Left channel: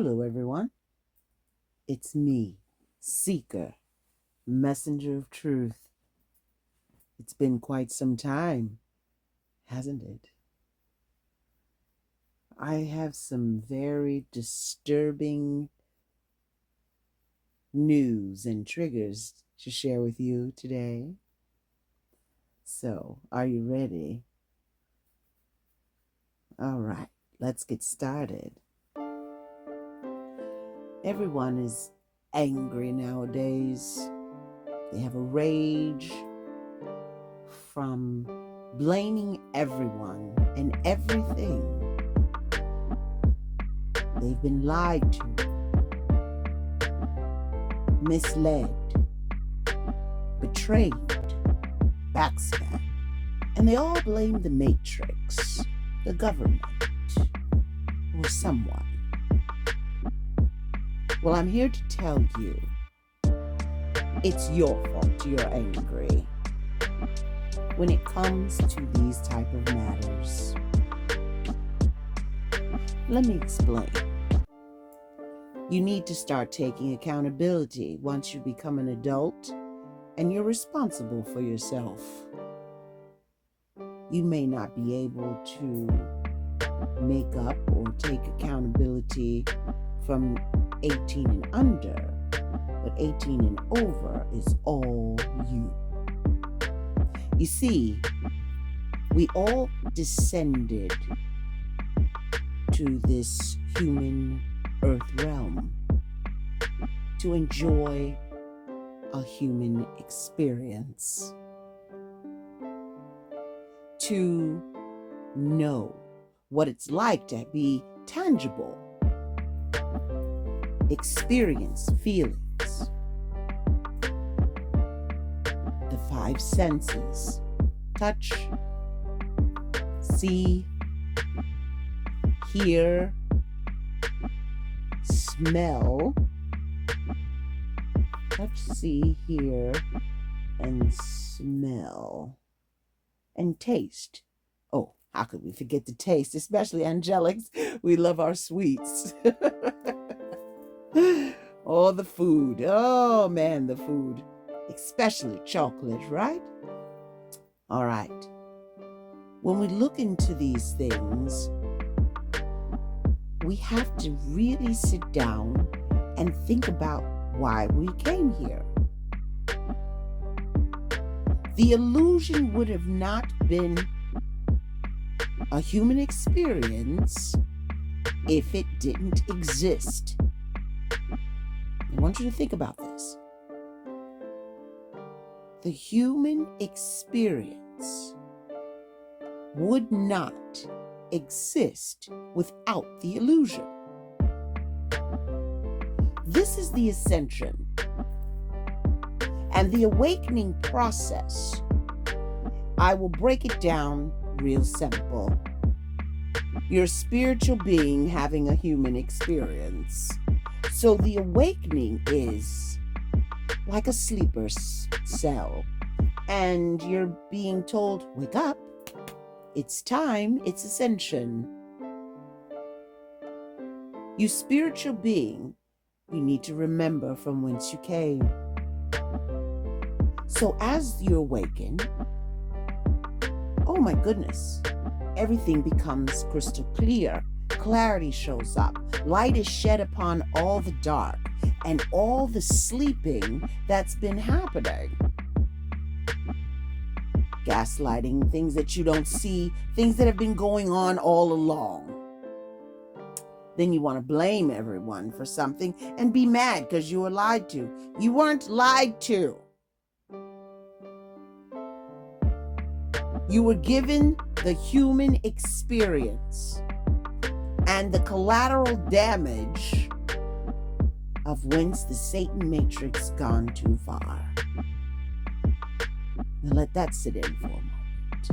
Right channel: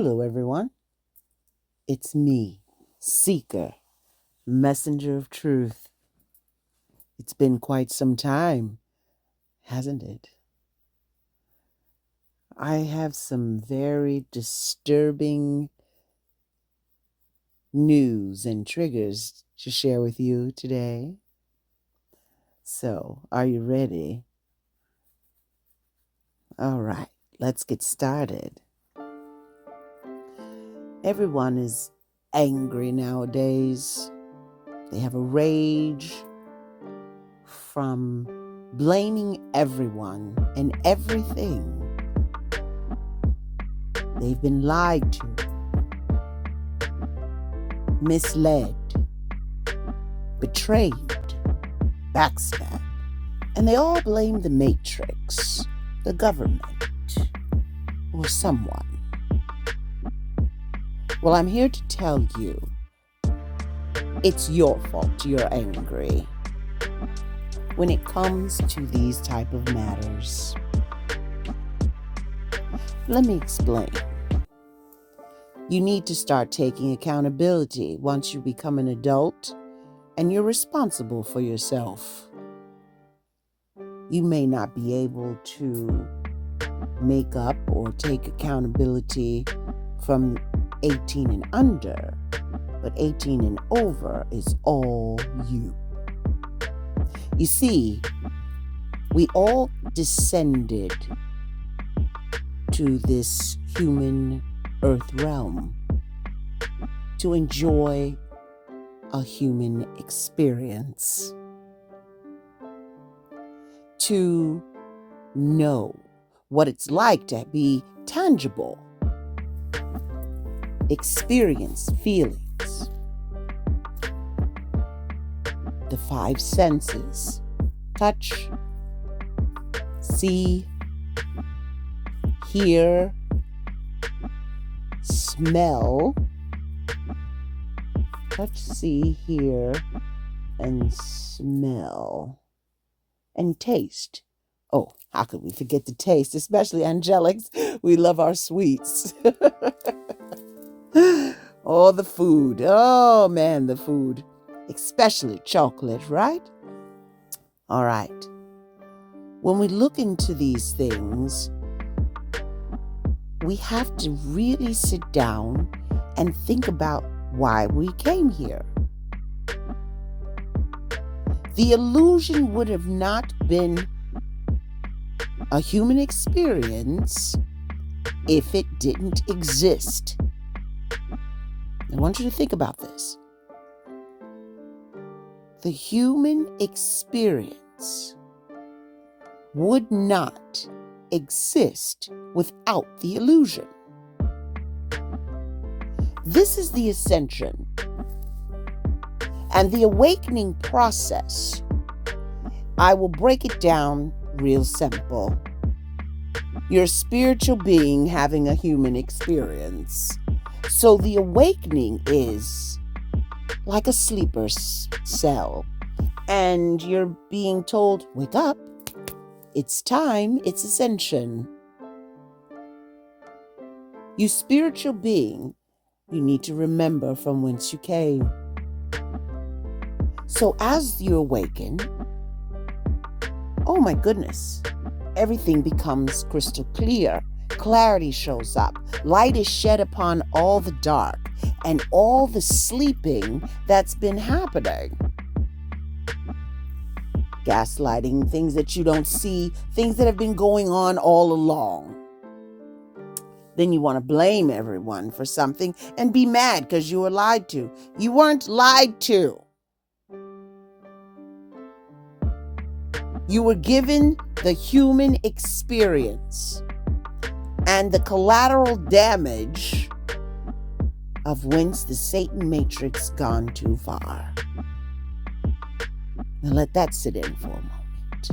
Hello, everyone. It's me, Seeker, Messenger of Truth. It's been quite some time, hasn't it? I have some very disturbing news and triggers to share with you today. So, are you ready? All right, let's get started. Everyone is angry nowadays. They have a rage from blaming everyone and everything. They've been lied to, misled, betrayed, backstabbed, and they all blame the Matrix, the government, or someone. Well, I'm here to tell you, it's your fault you're angry when it comes to these type of matters. Let me explain. You need to start taking accountability once you become an adult and you're responsible for yourself. You may not be able to make up or take accountability from 18 and under, but 18 and over is all you. You see, we all descended to this human earth realm to enjoy a human experience, to know what it's like to be tangible, experience feelings, the 5 senses: touch, see, hear, smell, touch, see, hear, and smell, and taste. Oh, how could we forget the taste, especially angelics? We love our sweets. Oh, the food. Oh, man, the food. Especially chocolate, right? All right. When we look into these things, we have to really sit down and think about why we came here. The illusion would have not been a human experience if it didn't exist. I want you to think about this. The human experience would not exist without the illusion. This is the ascension and the awakening process. I will break it down real simple. You're a spiritual being having a human experience. So the awakening is like a sleeper cell, and you're being told, wake up, it's time, it's ascension. You spiritual being, you need to remember from whence you came. So as you awaken, oh my goodness, everything becomes crystal clear. Clarity shows up. Light is shed upon all the dark and all the sleeping that's been happening. Gaslighting, things that you don't see, things that have been going on all along. Then you want to blame everyone for something and be mad because you were lied to. You weren't lied to. You were given the human experience and the collateral damage of whence the Satan matrix gone too far. Now let that sit in for a moment.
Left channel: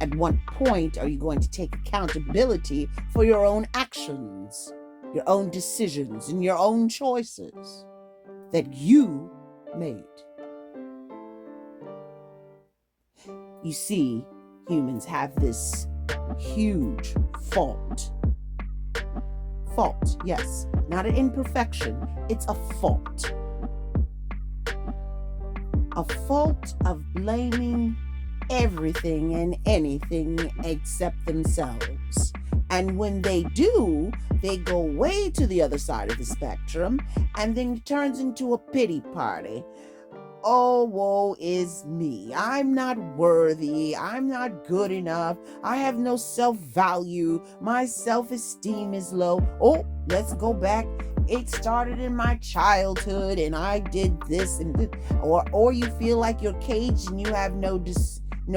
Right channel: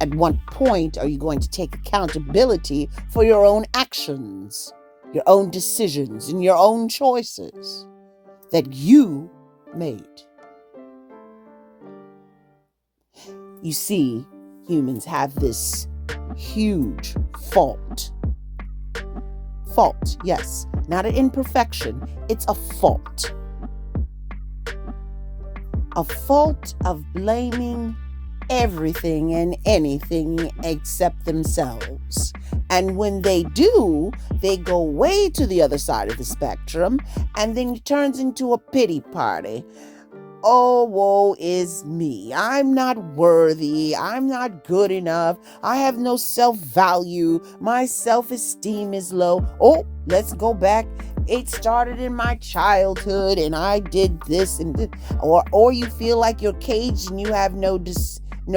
At what point are you going to take accountability for your own actions, your own decisions, and your own choices that you made? You see, humans have this huge fault Fault, yes. Not an imperfection. It's a fault. A fault of blaming everything and anything except themselves. And when they do, they go way to the other side of the spectrum, and then it turns into a pity party. Oh, woe is me. I'm not worthy. I'm not good enough. I have no self-value. My self-esteem is low. Oh, let's go back. It started in my childhood and I did this and this. Or you feel like you're caged and you have no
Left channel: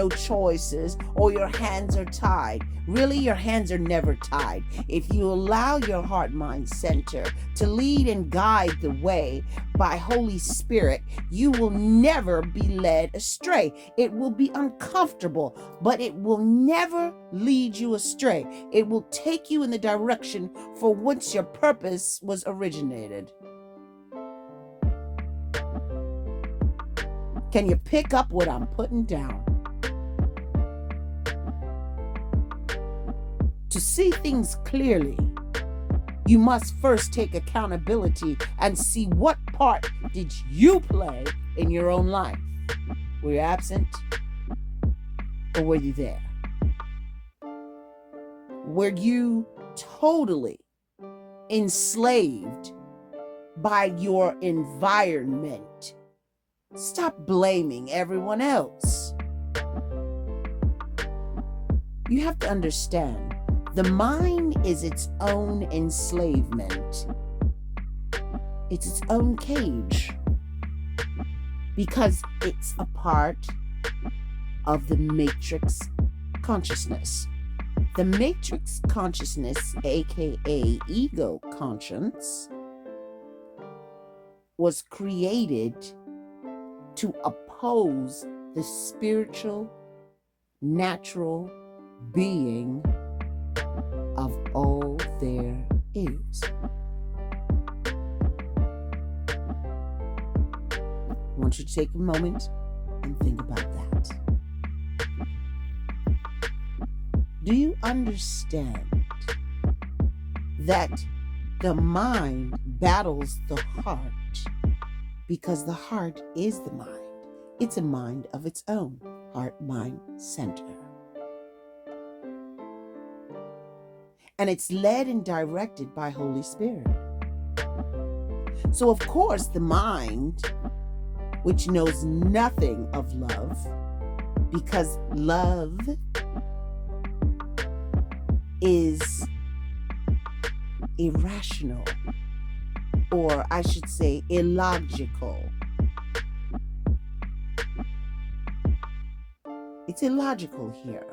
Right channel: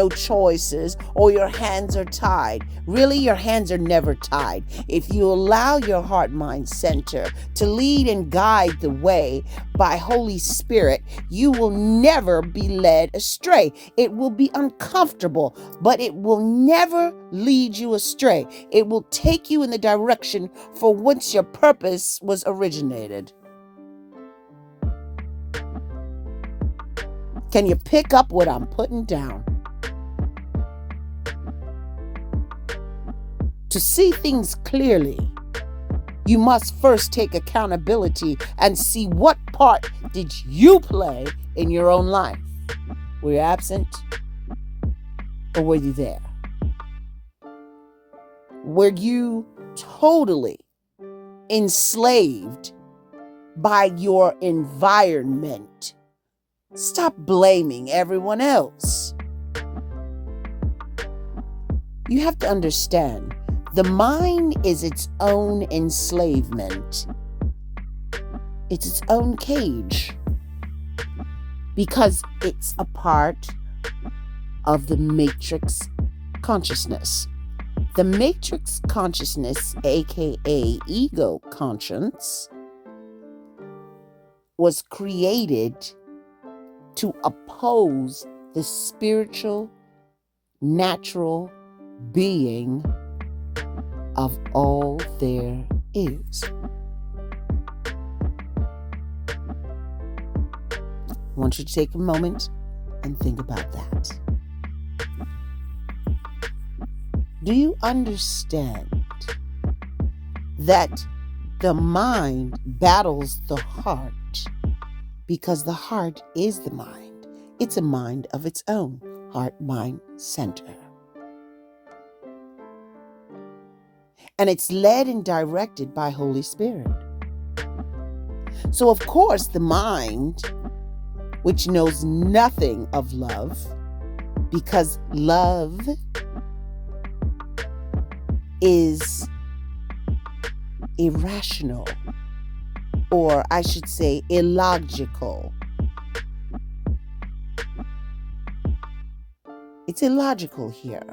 choices, or your hands are tied. Really, your hands are never tied. If you allow your heart mind center to lead and guide the way by Holy Spirit, you will never be led astray. It will be uncomfortable, but it will never lead you astray. It will take you in the direction for which your purpose was originated. Can you pick up what I'm putting down? To see things clearly, you must first take accountability and see what part did you play in your own life. Were you absent or were you there? Were you totally enslaved by your environment? Stop blaming everyone else. You have to understand, the mind is its own enslavement. It's its own cage because it's a part of the matrix consciousness. The matrix consciousness, aka ego conscience, was created to oppose the spiritual, natural being of all there is. I want you to take a moment and think about that. Do you understand that the mind battles the heart because the heart is the mind? It's a mind of its own, heart-mind center. And it's led and directed by Holy Spirit. So of course the mind, which knows nothing of love, because love is irrational, or I should say illogical. It's illogical here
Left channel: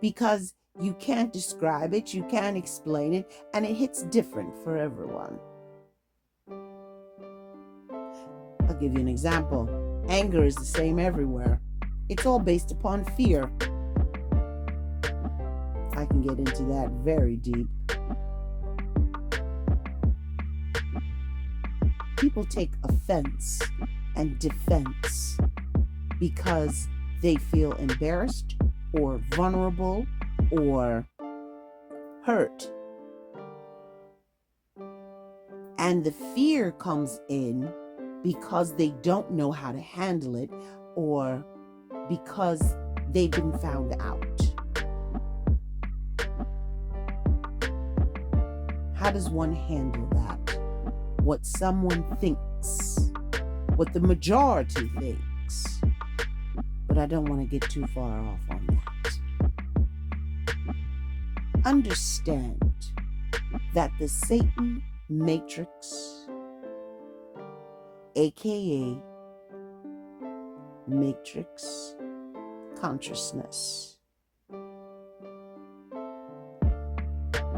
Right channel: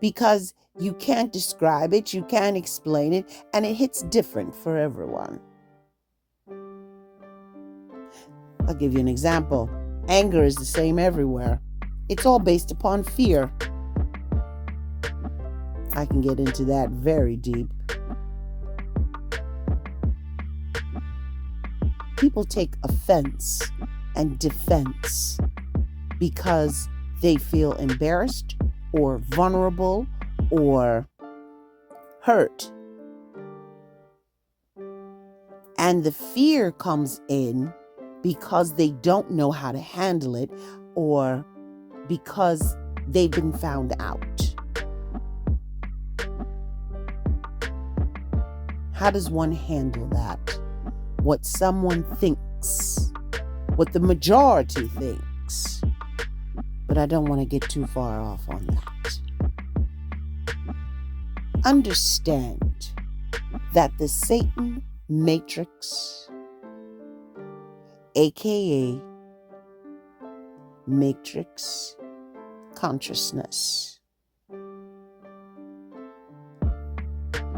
because you can't describe it, you can't explain it, and it hits different for everyone. I'll give you an example. Anger is the same everywhere. It's all based upon fear. I can get into that very deep. People take offense and defense because they feel embarrassed or vulnerable or hurt. And the fear comes in because they don't know how to handle it or because they've been found out. How does one handle that? What someone thinks, what the majority thinks. But I don't want to get too far off on that. Understand that the Satan matrix, aka matrix consciousness,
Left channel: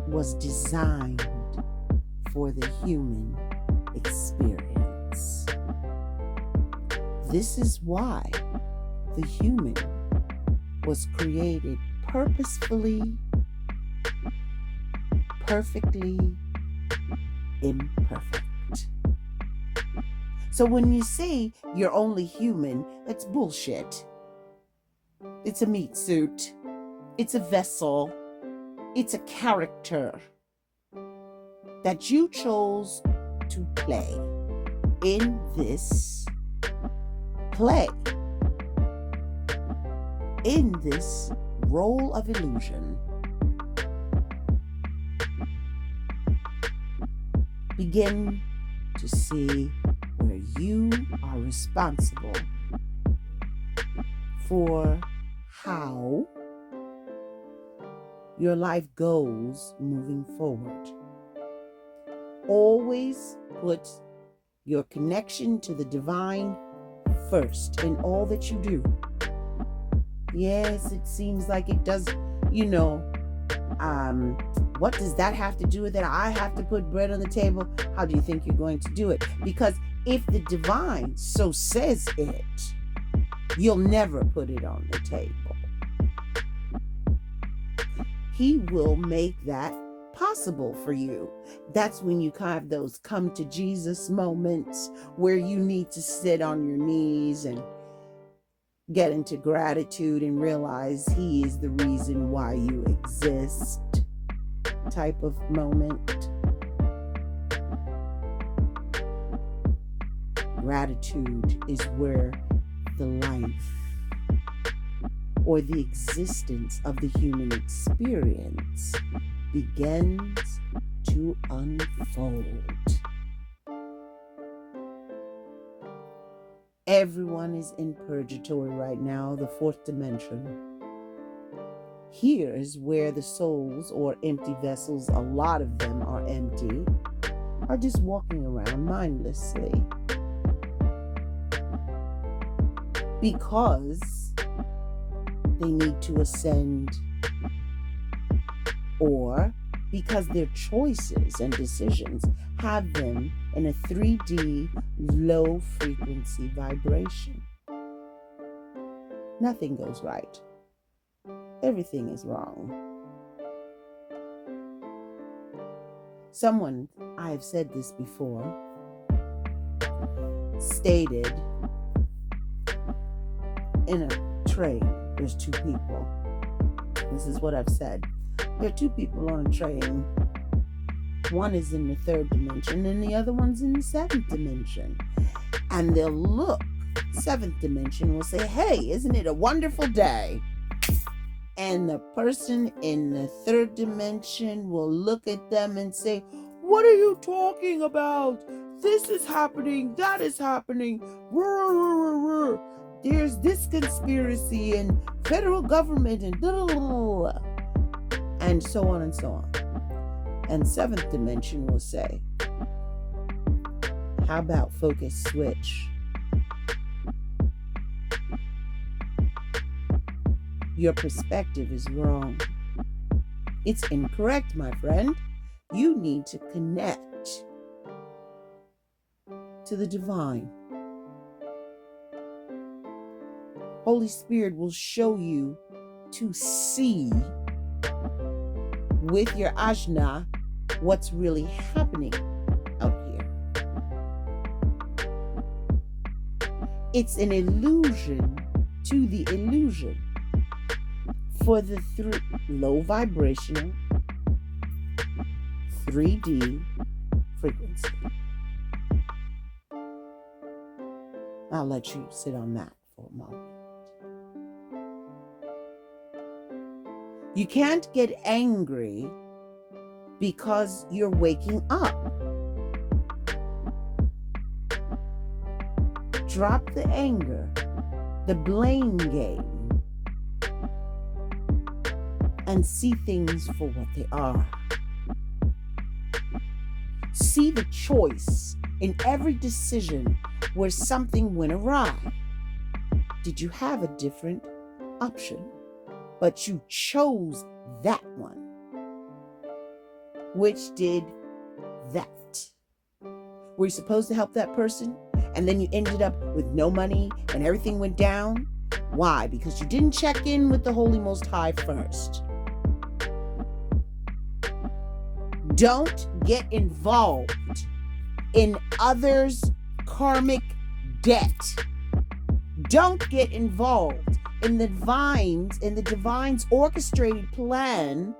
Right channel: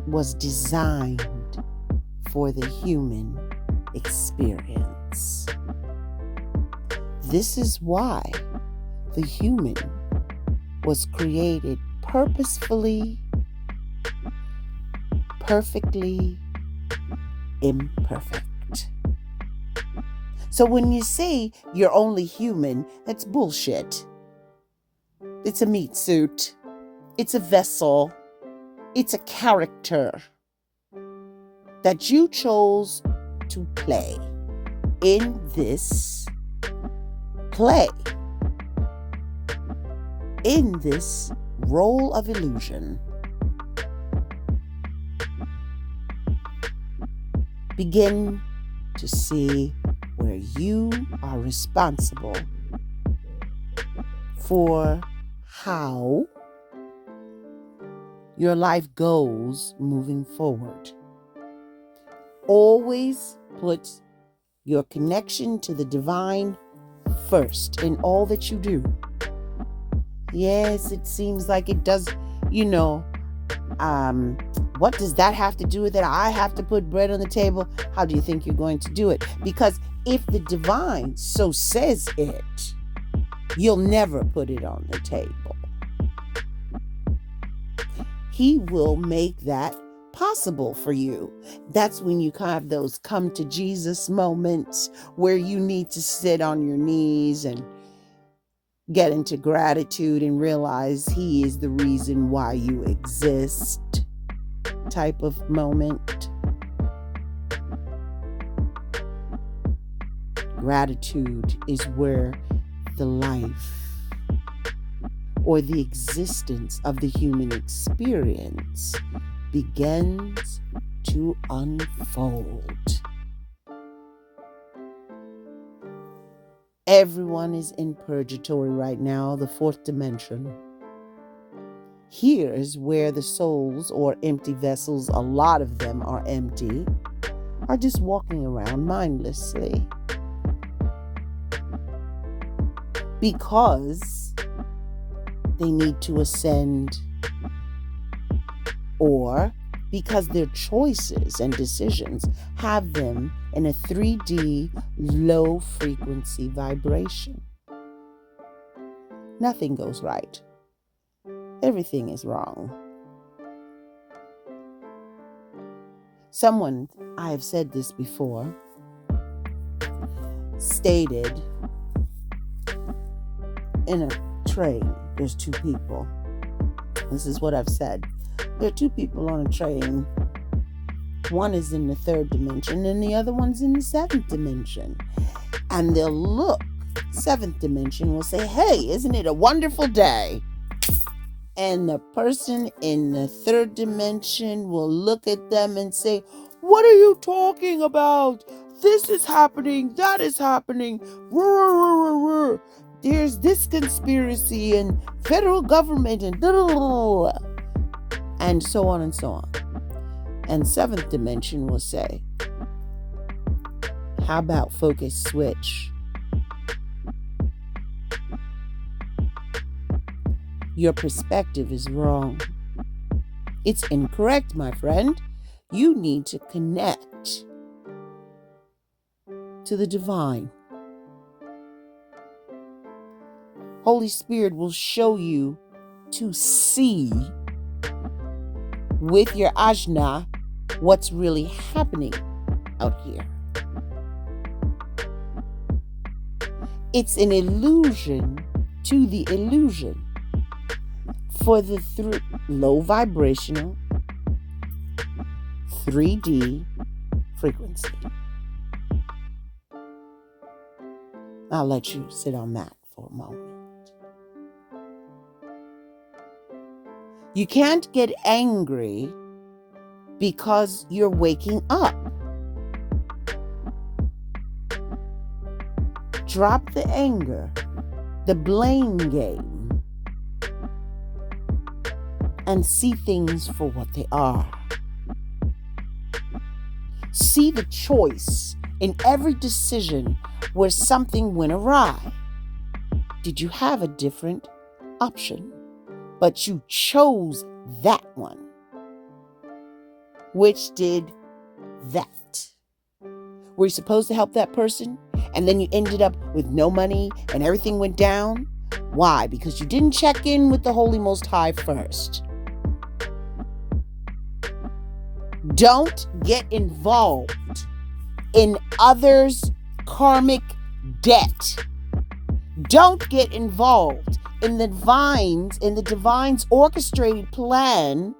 was designed for the human experience. This is why the human was created purposefully, perfectly imperfect. So when you say you're only human, that's bullshit. It's a meat suit. It's a vessel. It's a character. that you chose to play in this play, in this role of illusion. Begin to see where you are responsible for how your life goes moving forward. Always put your connection to the divine first in all that you do. Yes, it seems like it does, what does that have to do with it? I have to put bread on the table. How do you think you're going to do it? Because if the divine so says it, you'll never put it on the table. He will make that possible for you. That's when you have those come to Jesus moments where you need to sit on your knees and get into gratitude and realize He is the reason why you exist type of moment. Gratitude is where the life or the existence of the human experience begins to unfold. Everyone is in purgatory right now, the fourth dimension. Here is where the souls or empty vessels, a lot of them are empty, are just walking around mindlessly. Because they need to ascend, or because their choices and decisions have them in a 3D low frequency vibration. Nothing goes right. Everything is wrong. Someone, I have said this before, stated in a train, there's two people. This is what I've said. There are two people on a train. One is in the third dimension and the other one's in the seventh dimension. And they'll look, seventh dimension will say, "Hey, isn't it a wonderful day?" And the person in the third dimension will look at them and say, "What are you talking about? This is happening, that is happening. There's this conspiracy and federal government and and so on and so on." And seventh dimension will say, "How about focus switch? Your perspective is wrong. It's incorrect, my friend. You need to connect to the divine. Holy Spirit will show you to see with your ajna what's really happening out here. It's an illusion to the illusion for the low vibrational 3D frequency. I'll let you sit on that for a moment. You can't get angry because you're waking up. Drop the anger, the blame game, and see things for what they are. See the choice in every decision where something went awry. Did you have a different option? But you chose that one. Which did that? Were you supposed to help that person? And then you ended up with no money and everything went down? Why? Because you didn't check in with the Holy Most High first. Don't get involved in others' karmic debt. Don't get involved in the divine's orchestrated plan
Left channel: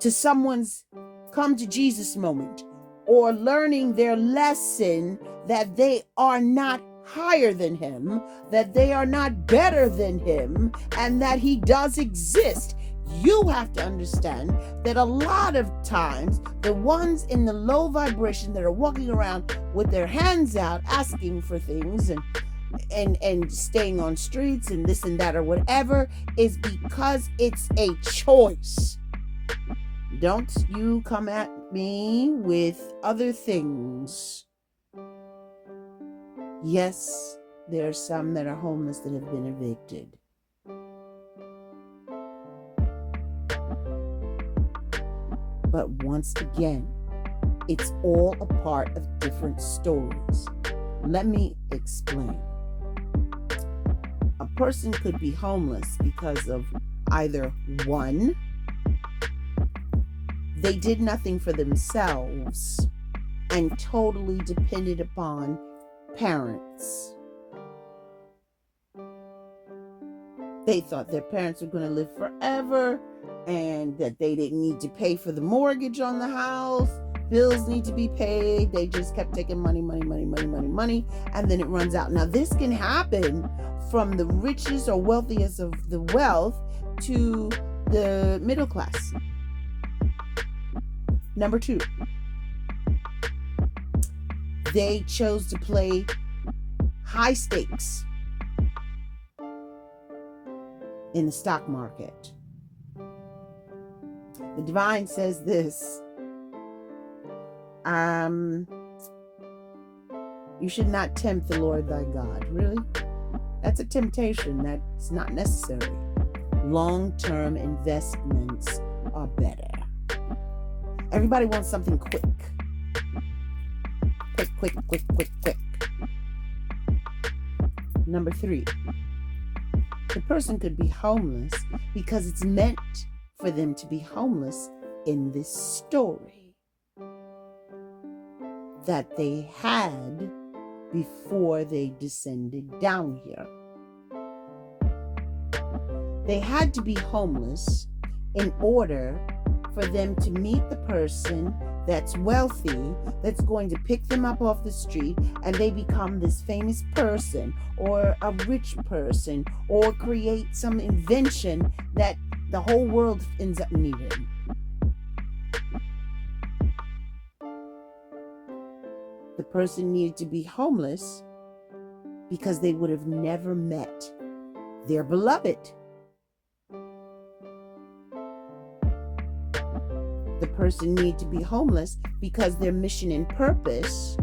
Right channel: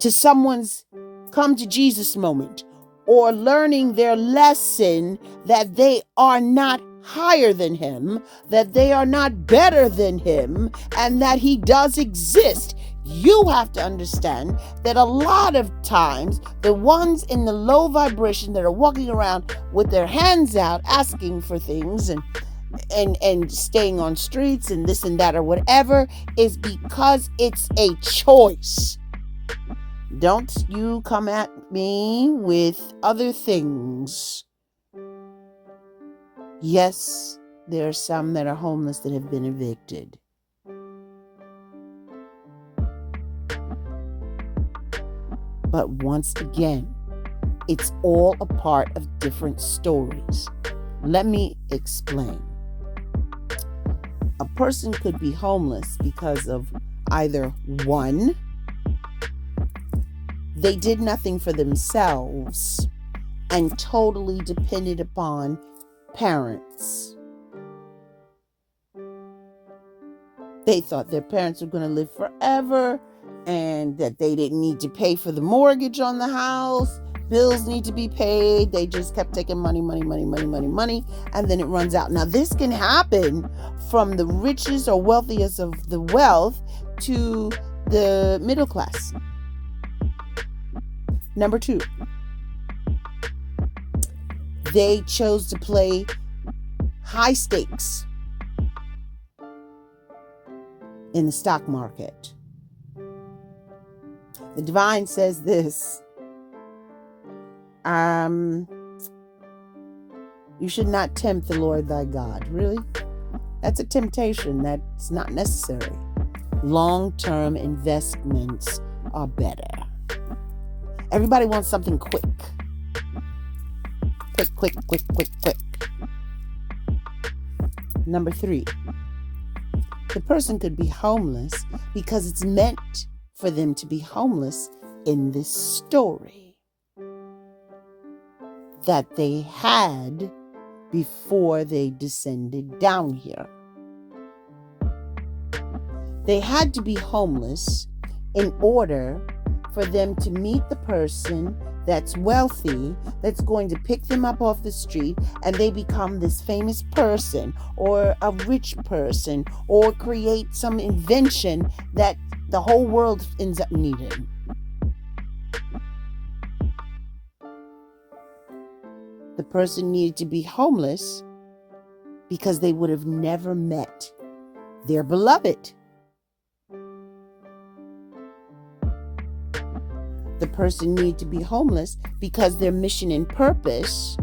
to someone's come to Jesus moment, or learning their lesson that they are not higher than him, that they are not better than him, and that he does exist. You have to understand that a lot of times the ones in the low vibration that are walking around with their hands out asking for things and staying on streets and this and that or whatever is because it's a choice. Don't you come at me with other things. Yes, there are some that are homeless that have been evicted. But once again, it's all a part of different stories. Let me explain. A person could be homeless because of either one, they did nothing for themselves and totally depended upon parents. They thought their parents were going to live forever and that they didn't need to pay for the mortgage on the house. Bills need to be paid. They just kept taking money, and then it runs out. Now, this can happen from the richest or wealthiest of the wealth to the middle class. Number 2, they chose to play high stakes in the stock market. The divine says this, you should not tempt the Lord thy God. Really? That's a temptation. That's not necessary. Long-term investments are better. Everybody wants something quick. Quick. Number 3, the person could be homeless because it's meant for them to be homeless in this story that they had before they descended down here. They had to be homeless in order for them to meet the person that's wealthy, that's going to pick them up off the street, and they become this famous person or a rich person or create some invention that the whole world ends up needing. The person needed to be homeless because they would have never met their beloved. The person needed to be homeless because their mission and purpose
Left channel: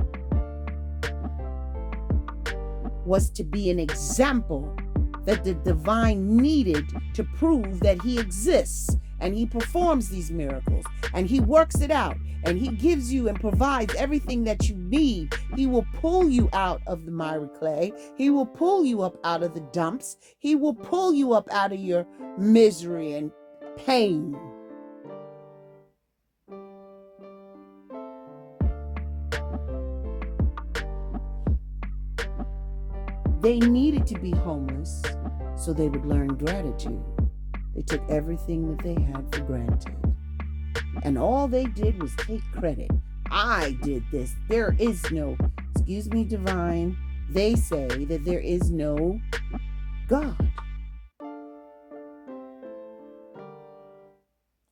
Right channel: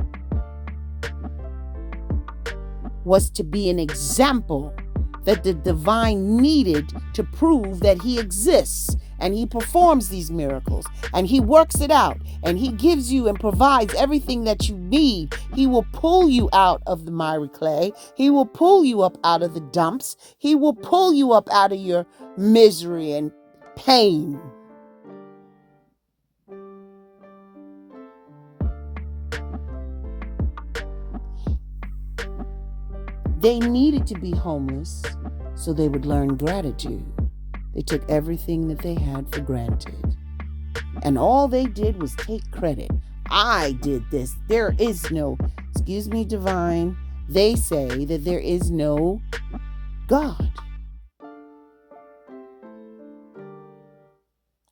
was to be an example that the divine needed to prove that he exists, and he performs these miracles, and he works it out, and he gives you and provides everything that you need. He will pull you out of the miry clay. He will pull you up out of the dumps. He will pull you up out of your misery and pain. They needed to be homeless so they would learn gratitude. They took everything that they had for granted. And all they did was take credit. I did this. There is no, excuse me, divine. They say that there is no God.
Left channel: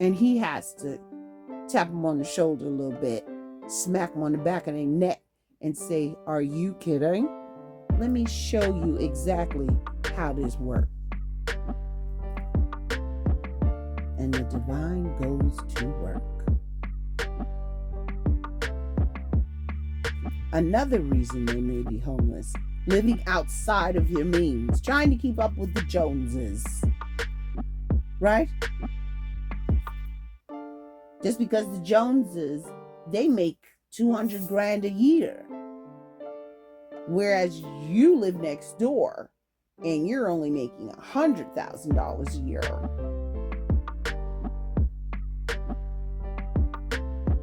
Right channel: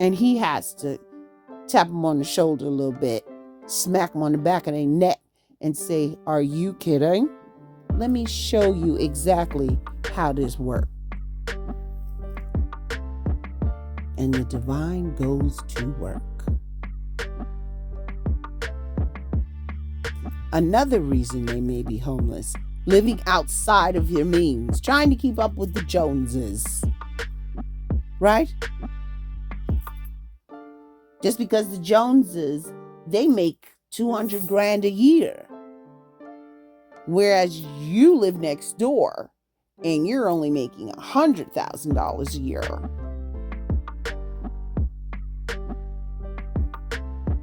And he has to tap them on the shoulder a little bit, smack them on the back of their neck and say, are you kidding? Let me show you exactly how this works. And the divine goes to work. Another reason they may be homeless, living outside of your means, trying to keep up with the Joneses. Right? Just because the Joneses, they make $200,000 a year. Whereas you live next door and you're only making $100,000 a year.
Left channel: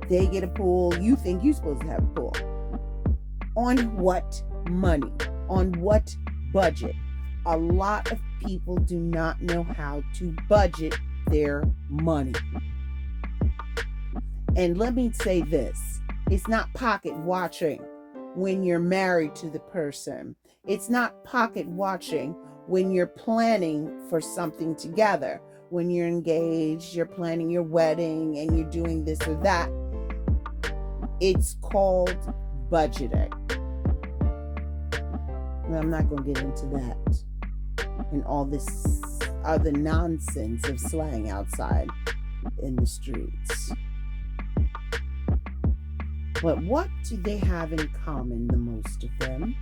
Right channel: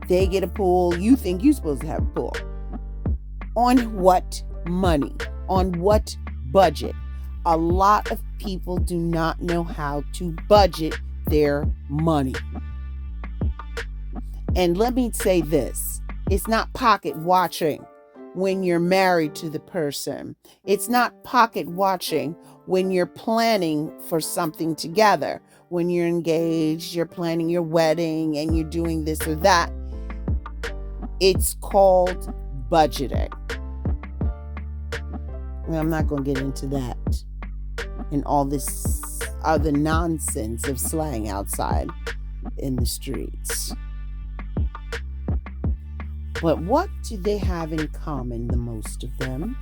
They get a pool. You think you're supposed to have a pool. On what money? On what budget? A lot of people do not know how to budget their money. And let me say this, it's not pocket watching when you're married to the person. It's not pocket watching when you're planning for something together. When you're engaged, you're planning your wedding and you're doing this or that. It's called budgeting. Well, I'm not going to get into that and all this other nonsense of slang outside in the streets. But what do they have in common, the most of them?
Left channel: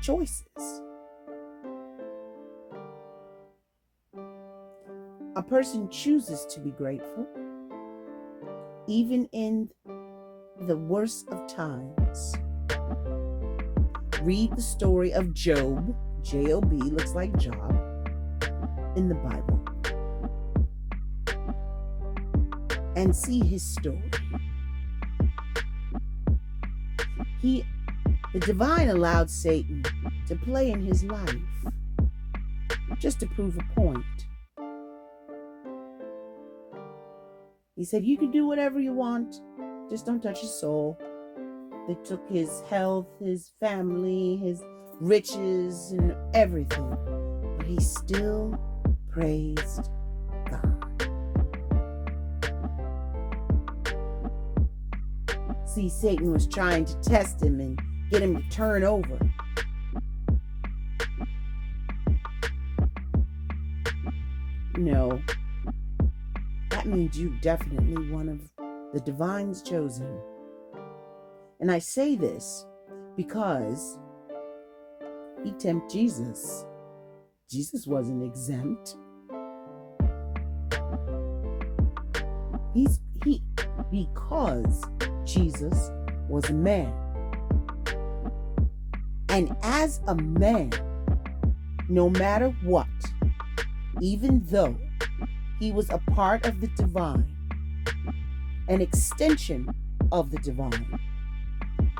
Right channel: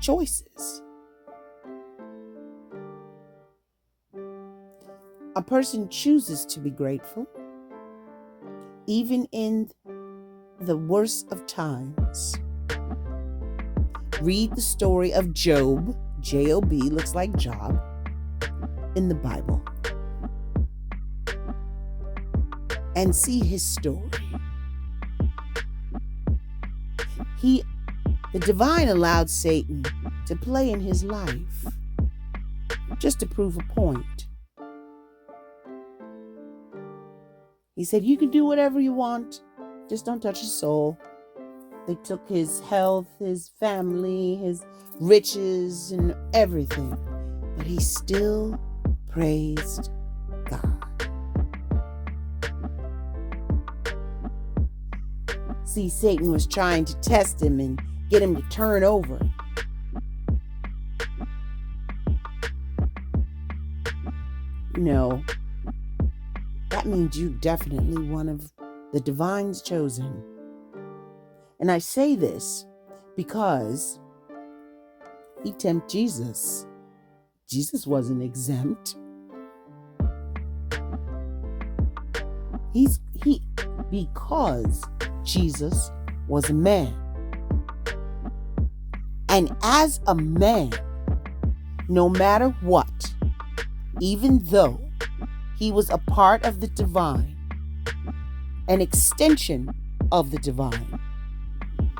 Choices. A person chooses to be grateful, even in the worst of times. Read the story of Job, J-O-B, looks like Job, in the Bible, and see his story. The divine allowed Satan to play in his life just to prove a point. He said, you can do whatever you want, just don't touch his soul. They took his health, his family, his riches, and everything, but he still praised God. See, Satan was trying to test him and get him to turn over. No, that means you're definitely one of the divine's chosen. And I say this because he tempted Jesus. Jesus wasn't exempt. Because Jesus was a man. And as a man, no matter what, even though he was a part of the divine, an extension of the divine,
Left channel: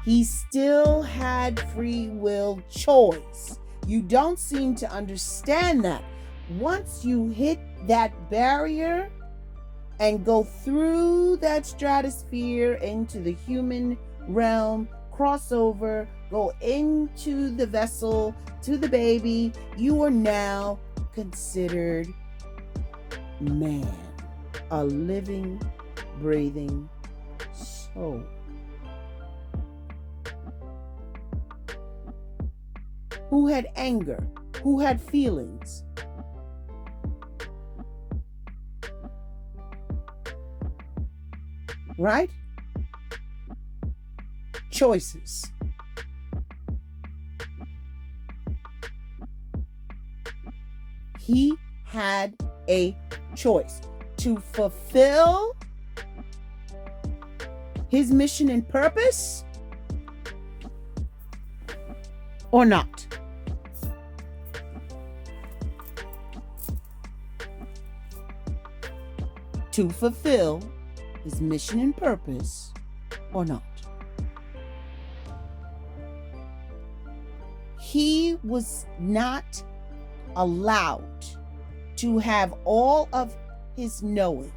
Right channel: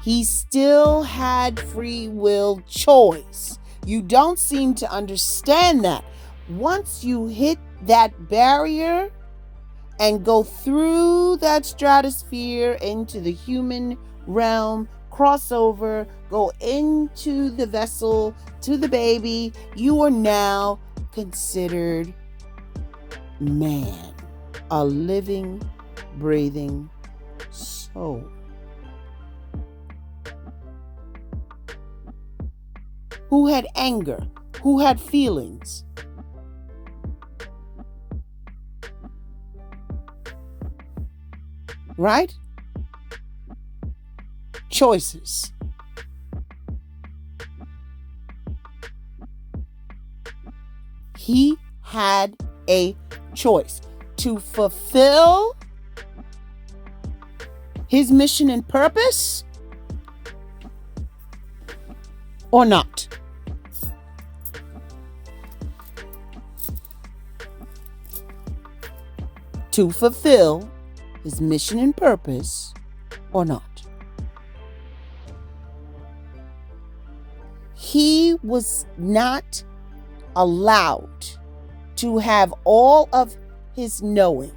he still had free will choice. You don't seem to understand that. Once you hit that barrier and go through that stratosphere into the human realm, cross over, go into the vessel, to the baby, you are now considered man, a living, breathing soul. Who had anger, who had feelings. Right? Choices. He had a choice to fulfill his mission and purpose or not. To fulfill his mission and purpose or not. He was not allowed to have all of his knowing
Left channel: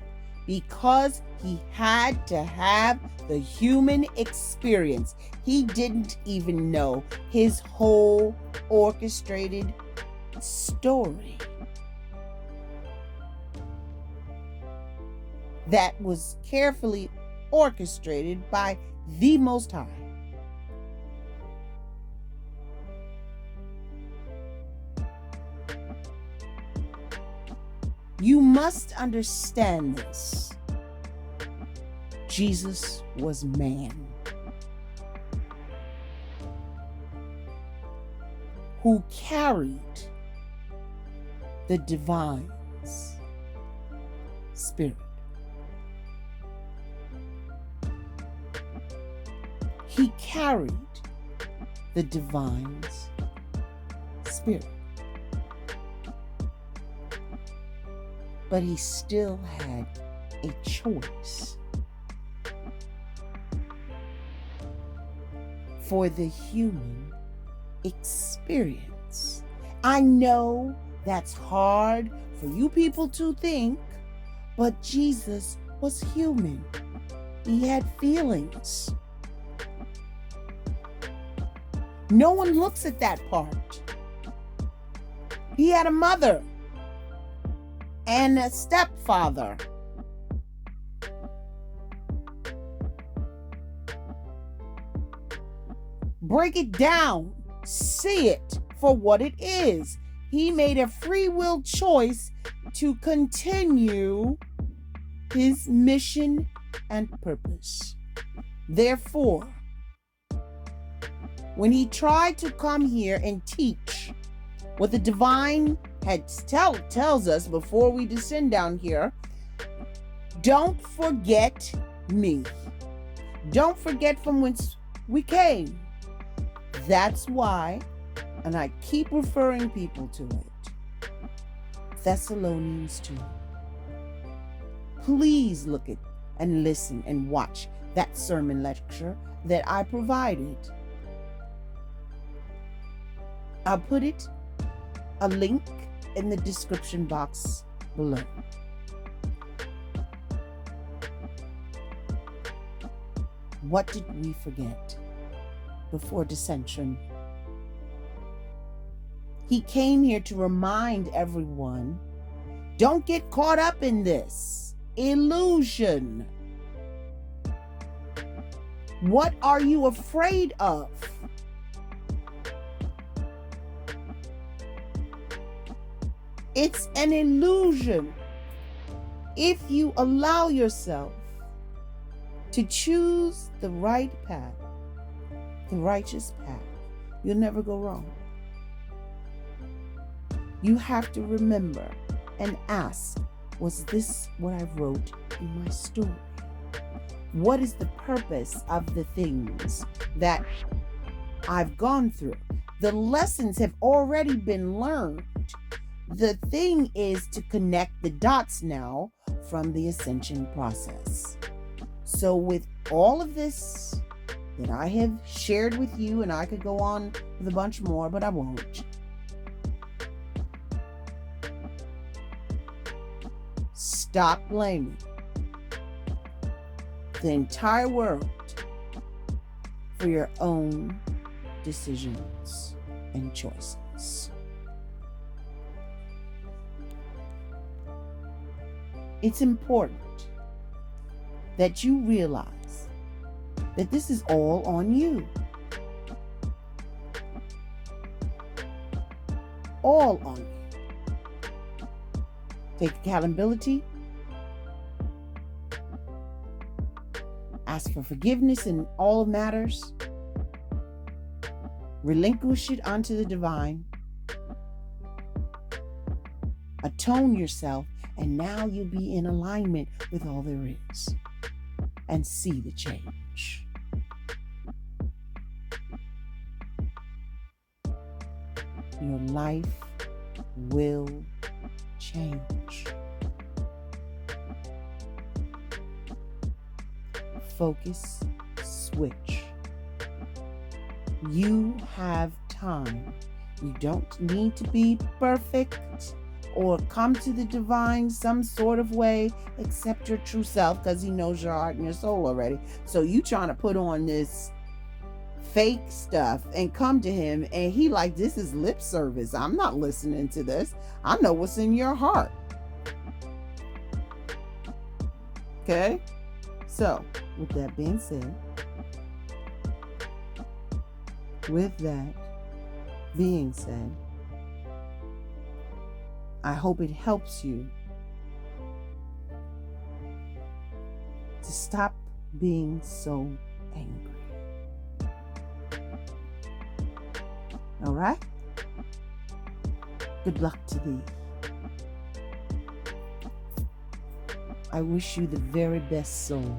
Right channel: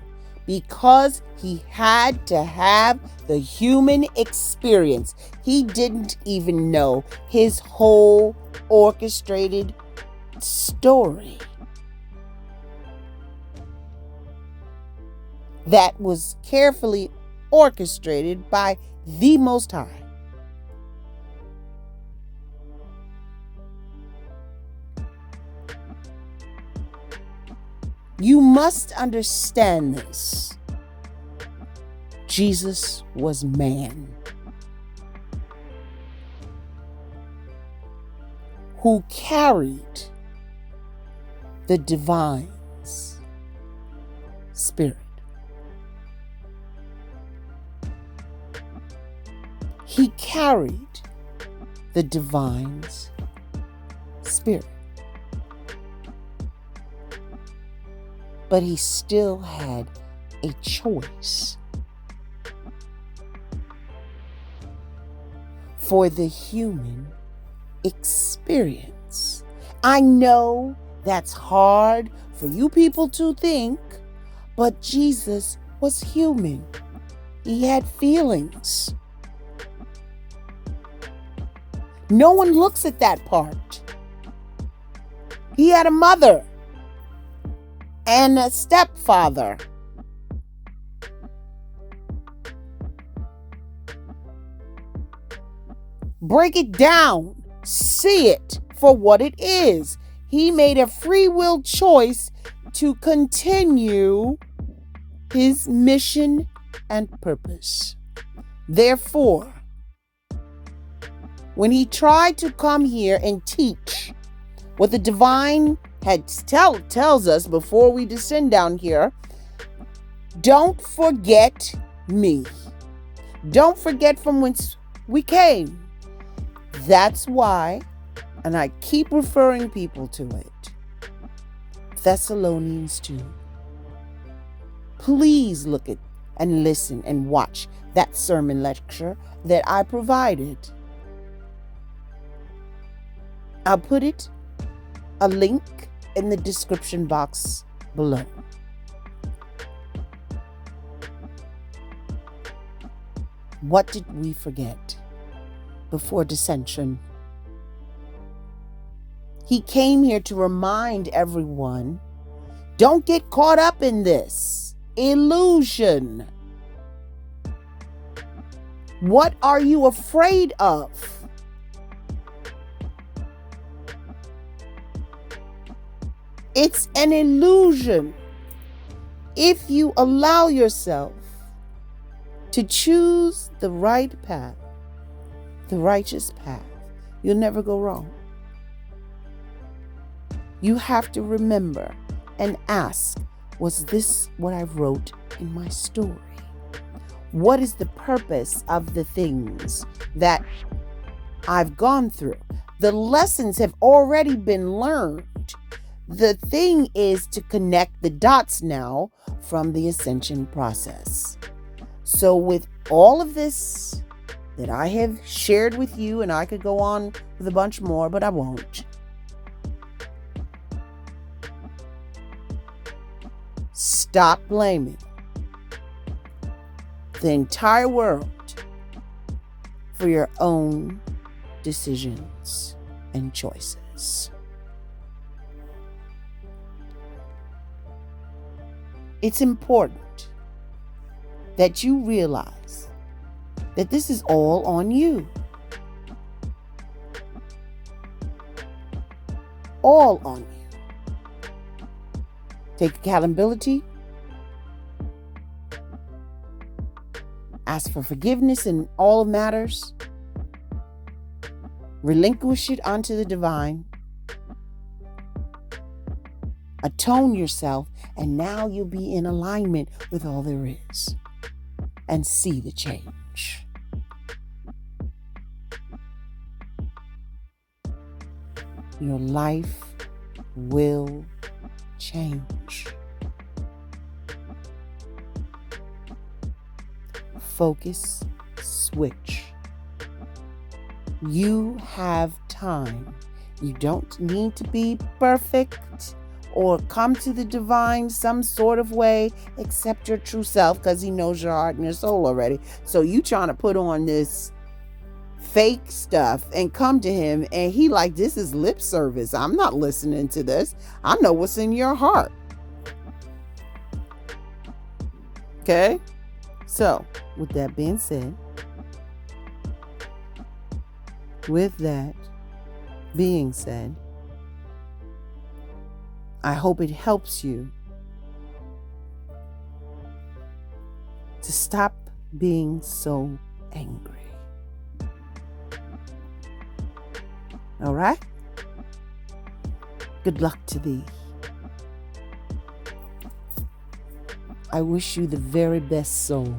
because he had to have the human experience. He didn't even know his whole orchestrated story that was carefully orchestrated by the Most High. You must understand this. Jesus was man who carried the divine's spirit. He carried the divine's spirit. But he still had a choice for the human experience. I know that's hard for you people to think, but Jesus was human. He had feelings. No one looks at that part. He had a mother and a stepfather. Break it down. See it for what it is. He made a free will choice to continue his mission and purpose. Therefore, when he tried to come here and teach what the divine tells us before we descend down here, don't forget me. Don't forget from whence we came. That's why, and I keep referring people to it, Thessalonians 2. Please look at and listen and watch that sermon lecture that I provided. I'll put a link in the description box below. What did we forget before dissension? He came here to remind everyone, don't get caught up in this illusion. What are you afraid of? It's an illusion. If you allow yourself to choose the right path, the righteous path, you'll never go wrong. You have to remember and ask, was this what I wrote in my story? What is the purpose of the things that I've gone through? The lessons have already been learned. The thing is to connect the dots now from the ascension process. So with all of this that I have shared with you, and I could go on with a bunch more, but I won't. Stop blaming the entire world for your own decisions and choices. It's important that you realize that this is all on you. All on you. Take accountability. Ask for forgiveness in all matters. Relinquish it onto the divine. Atone yourself, and now you'll be in alignment with all there is and see the change. Your life will change. Focus, switch. You have time. You don't need to be perfect or come to the divine some sort of way, accept your true self, because he knows your heart and your soul already. So you trying to put on this fake stuff and come to him, and he like, this is lip service. I'm not listening to this. I know what's in your heart. Okay? So, with that being said, I hope it helps you to stop being so angry. All right? Good luck to thee. I wish you the very best soul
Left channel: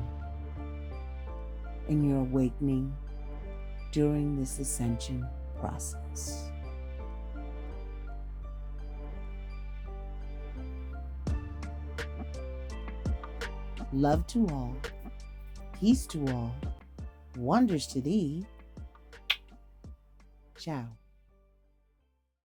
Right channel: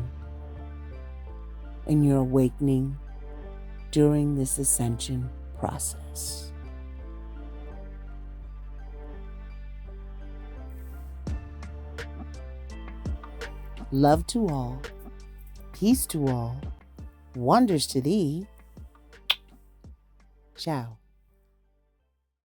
in your awakening during this ascension process. Love to all, peace to all, wonders to thee. Ciao.